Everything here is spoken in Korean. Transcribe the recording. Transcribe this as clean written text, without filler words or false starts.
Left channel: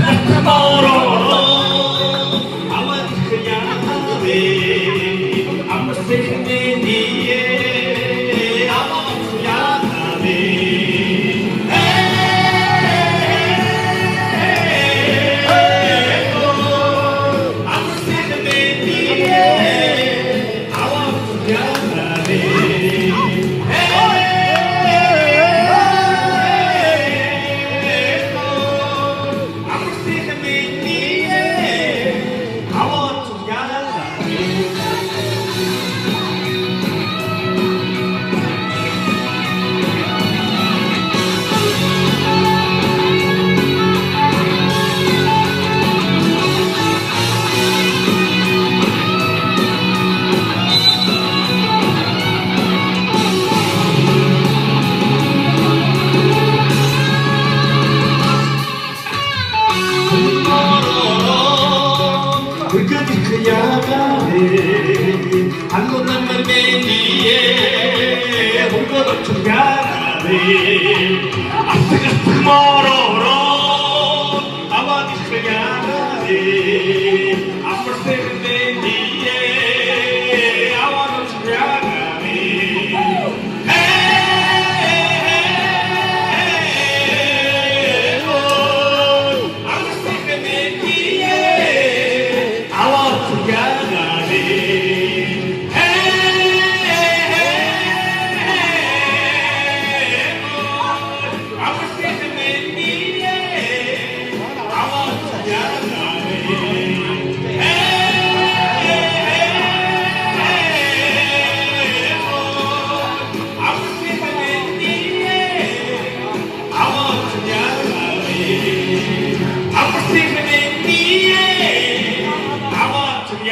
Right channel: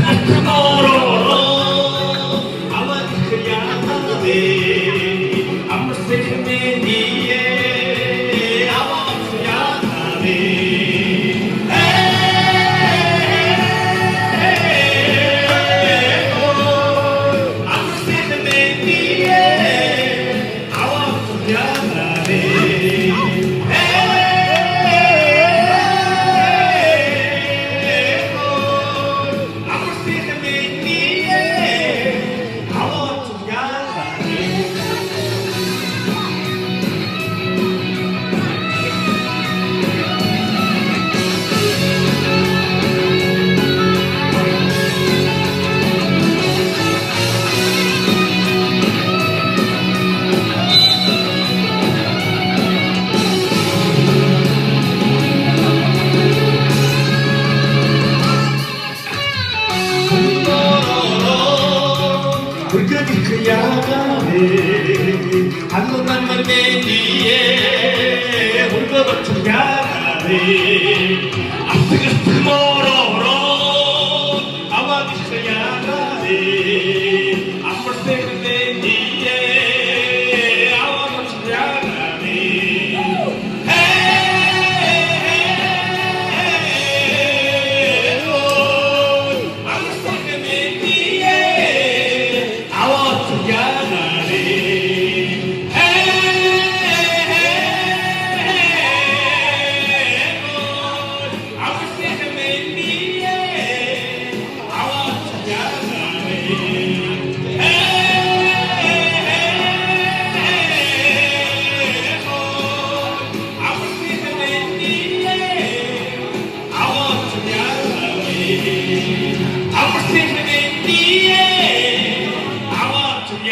tomorrow. I want to be I'm a second in the air. I want to be I'm a second in the air. I want to be 불켜진 그 야간에 한눈 만날 내리에 홍거 같은 야간에 앞에 같은 멀어로 아마미 그 야간에 앞을 새는 내리에 아와 같은 야간에 앞을 새는 내리에 I'm sleeping in the air. I want to be